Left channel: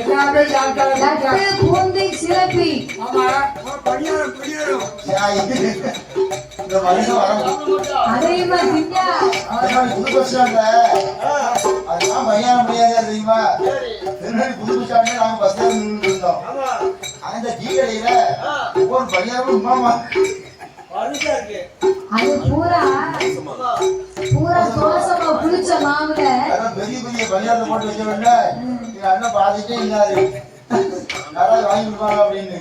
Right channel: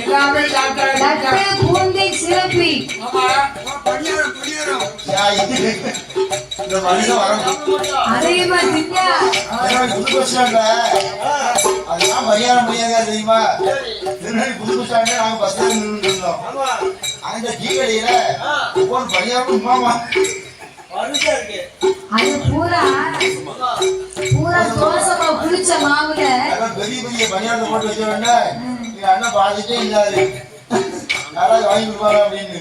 எல்லாமே சாப்பிட்டேன். பூந்தை சிறப்பி. அதே மாதிரி தெரியுமா? புது பஸ் நாங்க பஸ் இருந்தோம். அந்த டீ கடையில ஒவ்வொரு பணியாரும் அது பூரா தோசை புளிச்ச மாவுல பெரிய பெரிய பணியாரத்தை போட்டு வச்ச உடனே அண்ணன் பாதிட்டே இல்லாது யாராவது வாங்கி கொடுப்பாங்க அப்படின்னு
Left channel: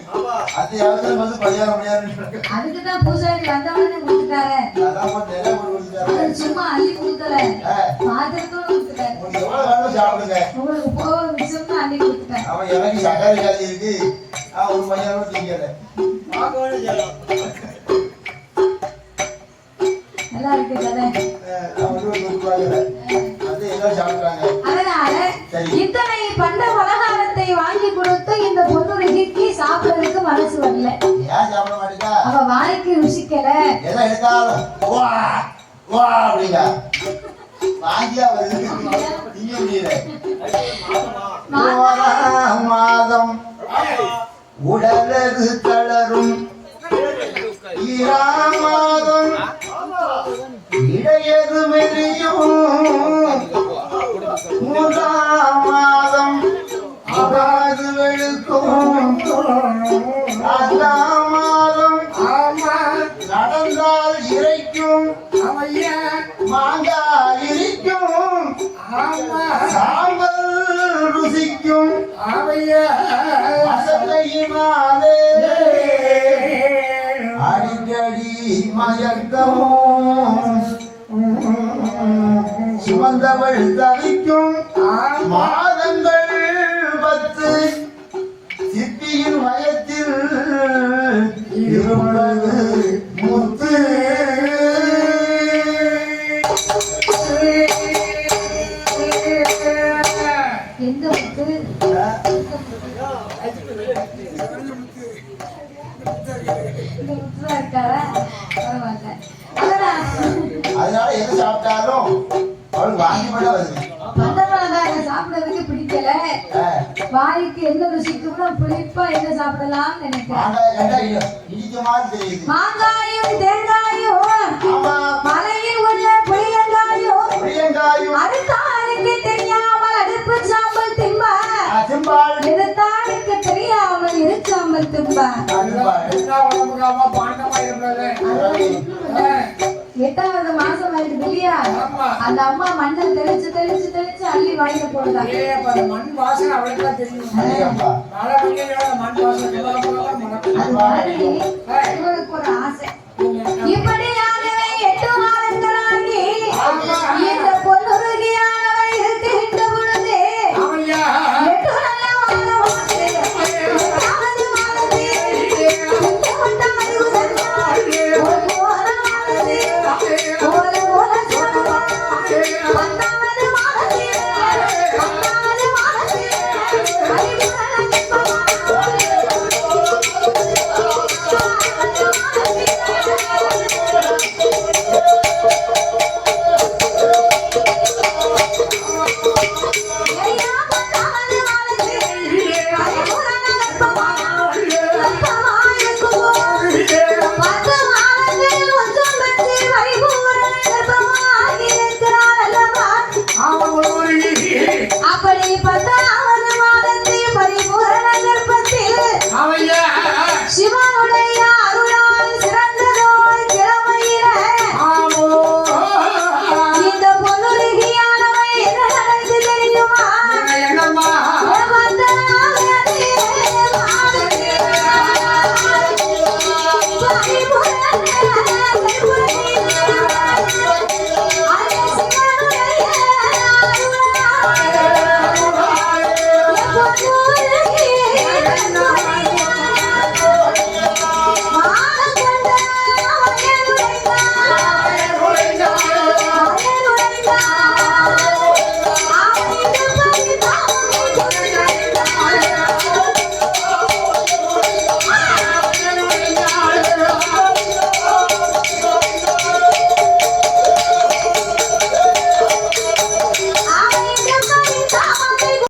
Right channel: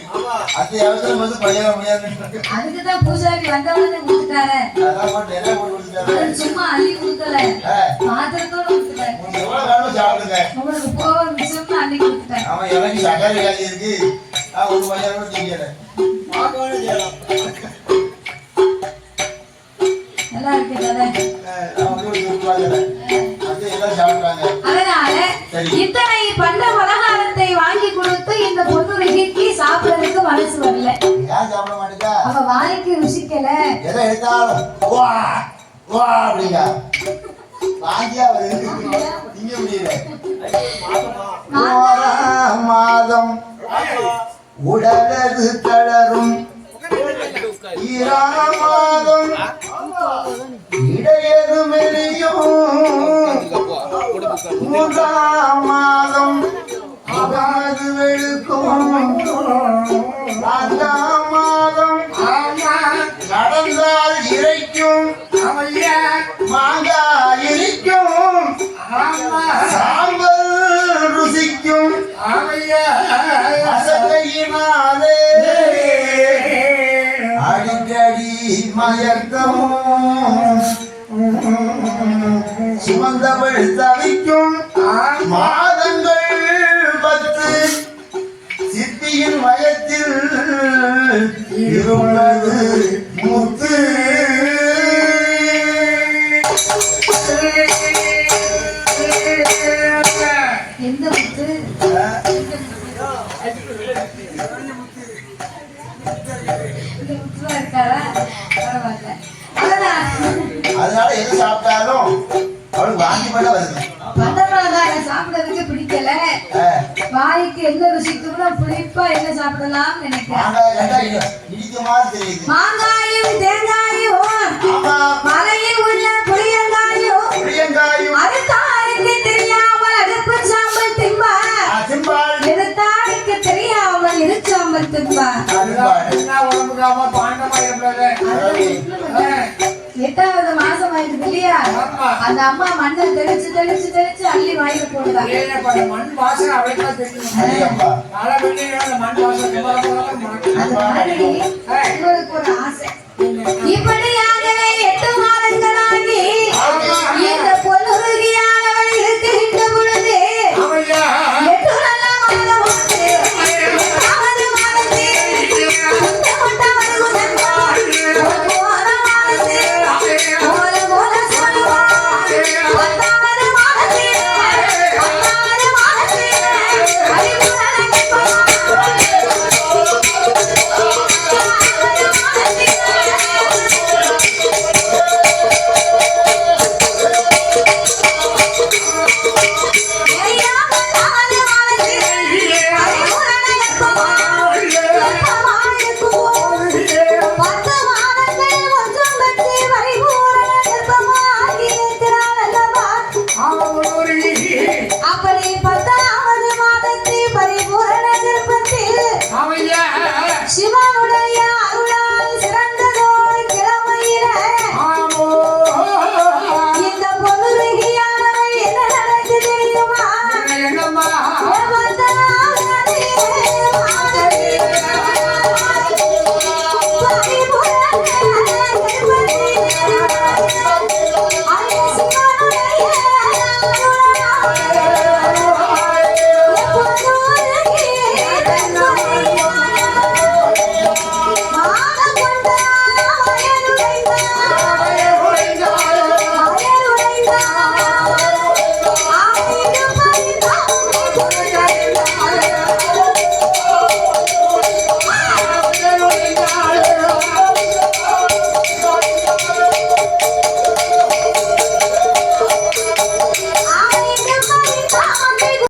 அந்த இடத்துல வந்து பணியாரம் அதுக்குதான் பூஜாரி வந்தவன கொடுத்துட்டாரு. சும்மா அள்ளி கொடுக்கல, பாத்திரத்தோட கொடுத்துட்டாரு. எவ்வளவு வேணும் சாப்பிடுங்க, உங்களுக்கு போக மிச்சம்னு அள்ளி கொடுத்துட்டாரு. அவன் எனக்கு சக்கரை வியாதி இருக்கு, ஒரு பணியாரம் திங்கல நல்லா இருக்கு அதனால இத்தனை பண்ட பலகாரத்தை வாங்கி கொடுத்து இந்த பொண்ணுக்கு சாப்பிடறதுக்கு மனசு வரல. ஏன் சாப்பிட மாட்டேங்க? அவ வாய்க்கு ருசிக்கல. எதை எடுத்தாலும் வா வா அப்படிங்க வாங்கியா திங்க முடியல. மாதம் உடலது தளரும் ஈராமாதம் இடையது மெரியும் மூன்றாம் மாதம் அகாது வெளுக்கும் நான்காம் மாதம் நடந்தால் இறைக்கும் மாங்காய் இனிக்கும் சாம்பல் ருசிக்கும் அசையினாலே அடிக்கடி மயக்கமும் சுமந்தவள் தவிக்கும் மாதங்கள் 10 சிற்பியின் வயத்தில் இருந்தது முத்து. எந்த முத்து? அதனால எது சாப்பிட்டாலும் அவளுக்கு வாங்கி போட வருது. சாப்பிடறதுக்கு பிடிக்கல, வாய்க்கு என்ன ருசிக்கும்னா புளிப்பா என்ன சாப்பிடலாம் நினைக்கிறேன். மாங்காயும் தேங்காயும் மலையில் உள்ள புளியங்காயும் அதுதானுக்கு தெரியாமல் அடுப்பு சாம்பல் திம்பார், எதுதானுக்கு தெரியாமல் இருச்சாம்பல் திம்பார். 8வது மாசம் ஆயிடுது இல்லையா? அந்த அம்மா மண்ணை தெளிச்சு தெளிச்சு தெளிச்சு அள்ளி வாங்கி போடுறாங்க. மண் வாசனை அவளுக்கு தெரியும். மண் வாசனை இவருக்கு ஒரு ஆசை. இப்படியாகவே 8 மாதங்களாகி இந்த பொன்னுருகியானவள் இருக்கின்ற பொழுது 8 நல்ல மாதம்